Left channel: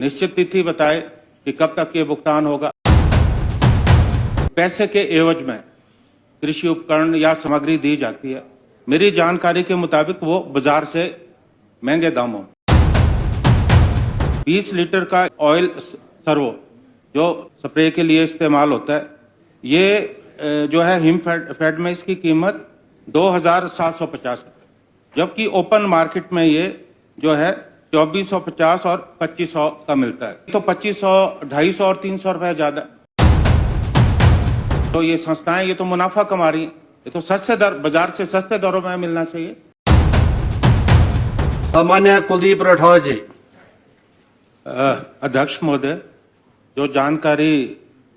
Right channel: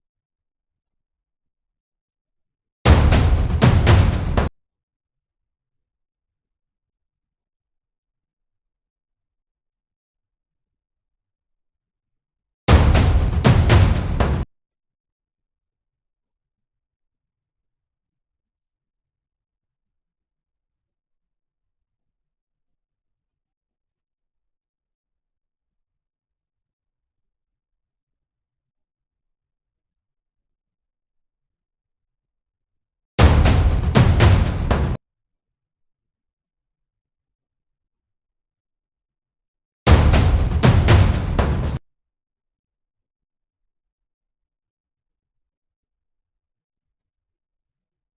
निश्चित तिथि बताए कि कब तक ये भुगतान होगा। पैसे के एवज में कृषि उपकरण या सामग्री दी जाती है। मेरी जानकारी के मुताबिक वो बाजार से महंगे दामों 20 लीटर का ऑयल सर्वो जो स्प्रे के लिए इस्तेमाल होता है, ये जो है हिमफेड में इसकी कीमत 2,750 जबकि ओपन मार्केट में ये जो है 2,450 और 2,500 का मिलता है। तो 2,500, 250 और 300 रुपए ज्यादा। तो ये संस्थाएं ये तो मुनाफा कमा रही हैं, ये तो सस्ते दर बाजार से सस्ते दरों में मिलना चाहिए। सामान्य कुलदीप राठौर जी। अध्यक्ष महोदय, जो जानकारी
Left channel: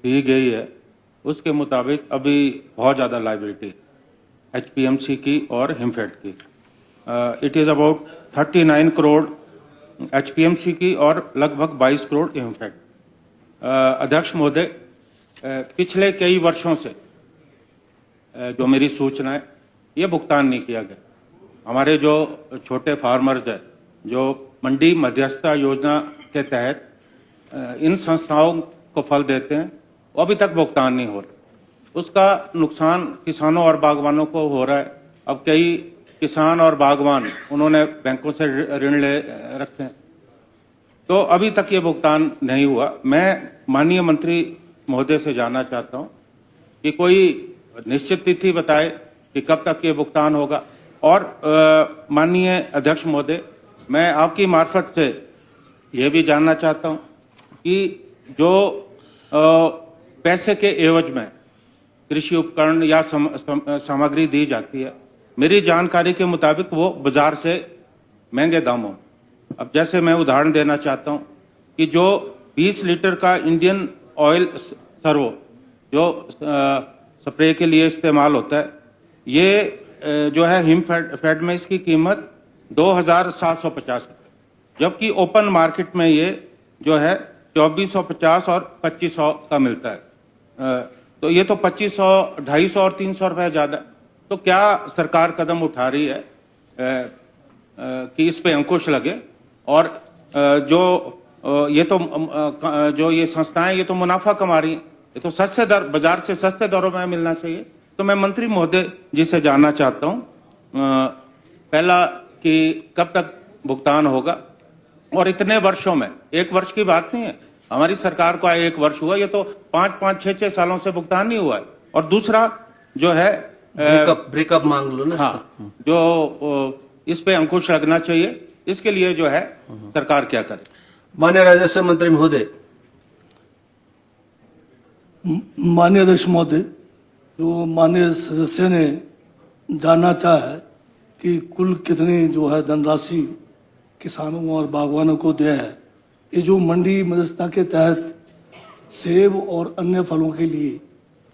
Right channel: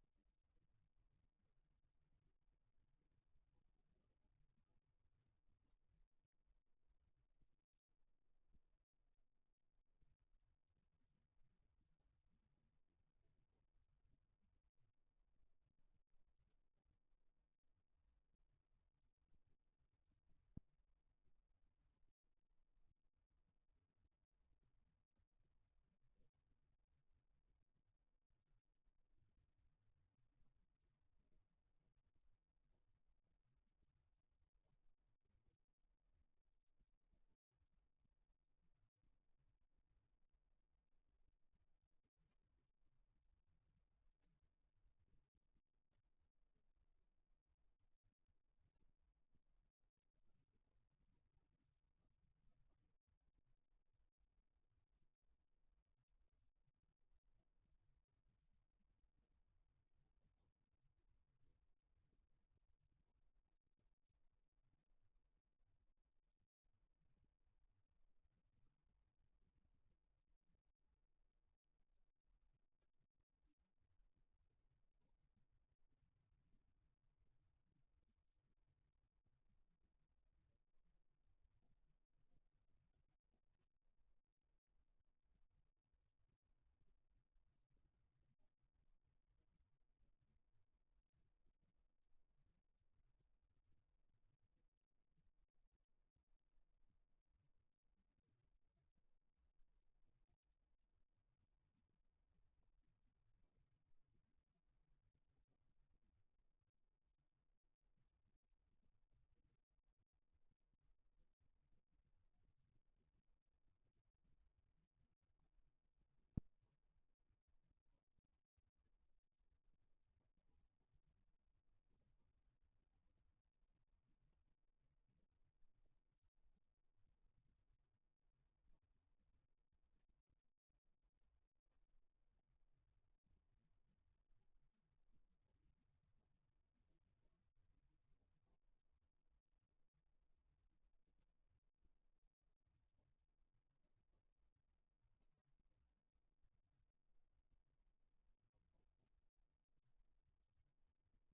दी गई है उसके मुताबिक अभी बहुत ज्यादा लायबिलिटी एचपीएमसी की और हिमफेड की। It is about 39 crore HPMC की और लगभग 22 करोड़ हिमफेड। अध्यक्ष महोदय, पिछले कई वर्षों से जो मेरी सूचना है ये भुगतान नहीं किया गया। हमारे जो छोटे फार्मर्स हैं जो मंडी मध्यस्थता योजना के तहत इन संस्थाओं को फल देते हैं, वो अभी तक भुगतान नहीं हो रहा। उसका नुकसान किसानों और बागवानों को हो रहा है। अब कई किसान और बागवान उन्होंने बैंकों से ऋण ले रखे हैं, तो अभी तक ये भुगतान नहीं हुआ। मैं माननीय मंत्री महोदय से जानना चाहता हूं कि कोई निश्चित तिथि बताए कि कब तक ये भुगतान होगा। और माननीय अध्यक्ष महोदय, मैं आपकी मार्फत से ये भी जानना चाहता हूं कि जो पैसे के एवज में कृषि उपकरण या सामग्री दी जाती है, मेरी जानकारी के मुताबिक वो बाजार से महंगे दामों। अब जैसे मैं उदाहरण देना चाहता हूं कि जो 20 लीटर का इंडियन ऑयल सर्वो जो स्प्रे के लिए इस्तेमाल होता है, ये जो है हिमफेड में इसकी कीमत 2,750 जबकि ओपन मार्केट में ये जो है 2,450 और 2,500 का मिलता है। तो ये तो 2,500, 250 और 300 रुपए ज्यादा। तो क्या सरकार कदम उठा रही है कि इस पे अंकुश लगे और जो ये संस्थाएं ये तो मुनाफा कमा रही हैं, ये तो सस्ते दर बाजार से सस्ते दरों में मिलना चाहिए। तो मैं मंत्री महोदय जी से जानना चाहता हूं पहला कि कब तक भुगतान होगा, और इतने वर्षों में, एक वर्ष की बात नहीं है, हमारी सरकार को आए 1 वर्ष हुआ, ये तो 5-5, 6-6 सालों से भुगतान नहीं हुआ है। और दूसरा जो है ब्रेकअप मांग लो ना। हाँ, जो इस पे अंकुश लगना चाहिए, इसके लिए जो है सरकार क्या करे। माननीय राजस्व मंत्री महोदय। माननीय अध्यक्ष महोदय, जो माननीय सदस्य ने जानना चाहा है कि कुल कितनी जो है धनराशि किसानों और बागवानों को दिया है, ये जो मंडी मध्यस्थता के तहत सेब और अन्य फलों के लिए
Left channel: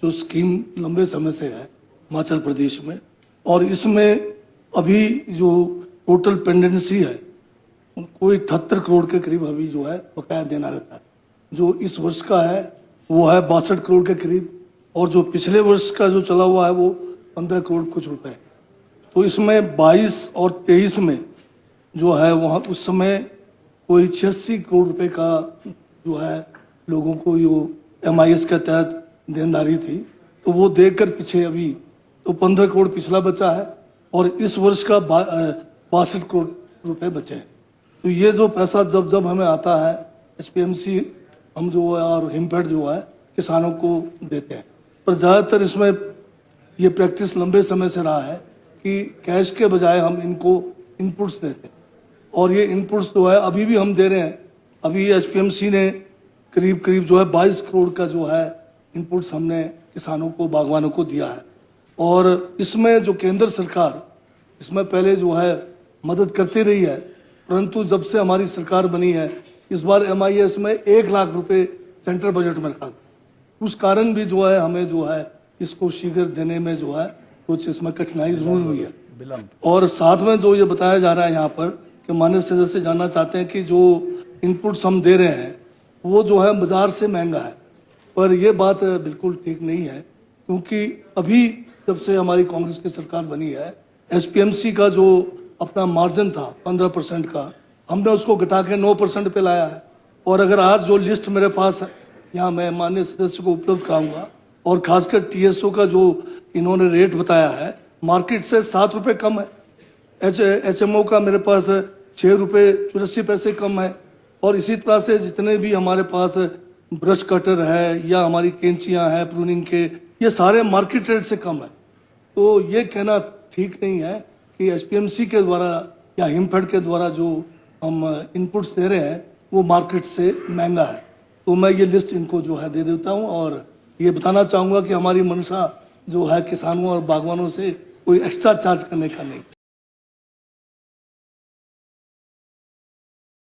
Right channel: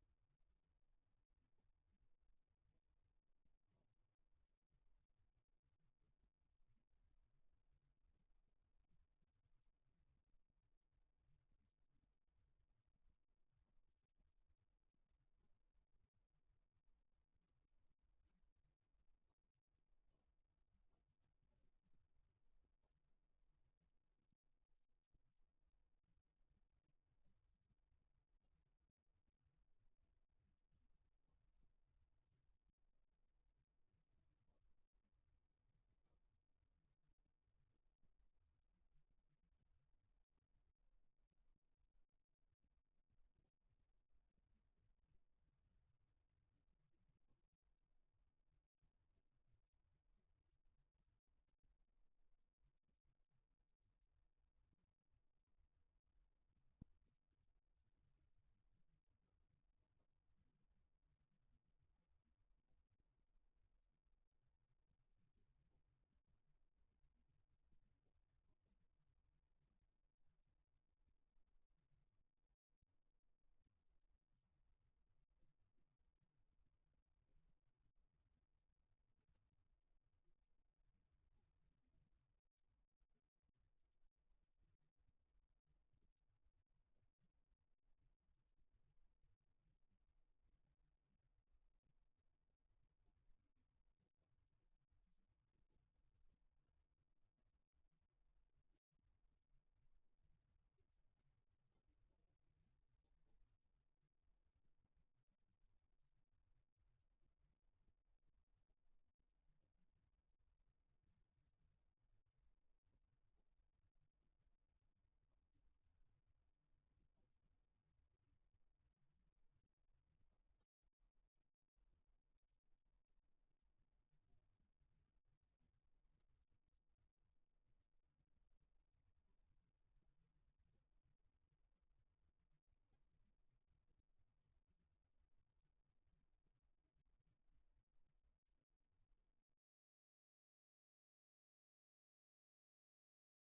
जो स्कीम लंबे समय से है हिमाचल प्रदेश में, और इसमें अभी जो टोटल पेंडेंसी है कोई 78 करोड़ के करीब अभी जो है बकाया देना रहता है। जो इस वर्ष का है वो है 62 करोड़ के करीब, और जो पिछले वर्ष का जो चला हुआ है वो 15 करोड़ कुछ रुपए। तो इसमें 22 और 23 में जो है वहाँ उस समय कोई 86 करोड़ रुपए का जो है लोगों को जो MIS के तहत देनदारी थी, तो वो देकर पीछे अभी तो 15 करोड़ पिछला बचा है और इस वर्ष का 62 करोड़ रुपए बचे हैं। तो ये जो पैसा जब हमें आता है एचपीएमसी हम जो है और हिमफेड जो है किसानों को देते हैं, पर ज़्यादातर इसमें ये प्रैक्टिस लंबे समय से रहा है कि कैश के बजाय हम इनको इनपुट्स देते हैं, और ये इनपुट्स जो है अभी भी हम दे रहे हैं। अभी एचपीएमसी ने करीब जो है 22 करोड़ का जो है इनपुट्स हमने किसानों को बागवानों को दिया है। और इसमें जो केंद्र सरकार इसमें पहले जो है मदद करती रही है, परंतु जब से हमारी सरकार बनी है इस बार MIS में 1 लाख रुपए सेंट्रल बजट में रखा, उस कारण भी जो है हमें जो है इसको शीघ्र देने में जो है कुछ इसमें कठिनाई जरूर हुई है। और साथ में जो ये बताया जा रहा है यहाँ पर कि माननीय सदस्य जानना चाहते हैं कि जो इनपुट्स हम दे रहे हैं वो जो है बाजार से महंगा है, पर ये बात बिल्कुल ठीक नहीं है, क्योंकि अभी जब से हमारी कांग्रेस की सरकार बनी है एचपीएमसी का जो अपना मार्जिन था 15% का, हमने उसको घटा के 9% पे लाया है। और अगर आज जो लिस्ट मेरे पास है यहाँ मैं माननीय सदस्य को उपलब्ध कराऊंगा, और खासकर टीएसओ का जो इन्होंने रेट बताया है मार्केट से 7 रुपये कम है। एचएमओ का मेरे पास 6 रुपये 84 पैसे कम है। और इसी तरह से जितने भी हमारे पास ब्रश कटर है या हमारी कैंचियां हैं प्रूनिंग के, ये सारे मार्केट रेट से कम है। तो ये कहना ठीक नहीं है कि एचपीएमसी के द्वारा या हिमफेड के द्वारा जो हम इनपुट्स दे रहे हैं वो मार्केट से महंगा है। तो मैं ये लिस्ट इनको जो है दे देता हूँ, और ये बताना चाहूँगा कि हमारी मंशा जो है किसानों और बागवानों से कोई एक्स्ट्रा चार्ज करने का नहीं।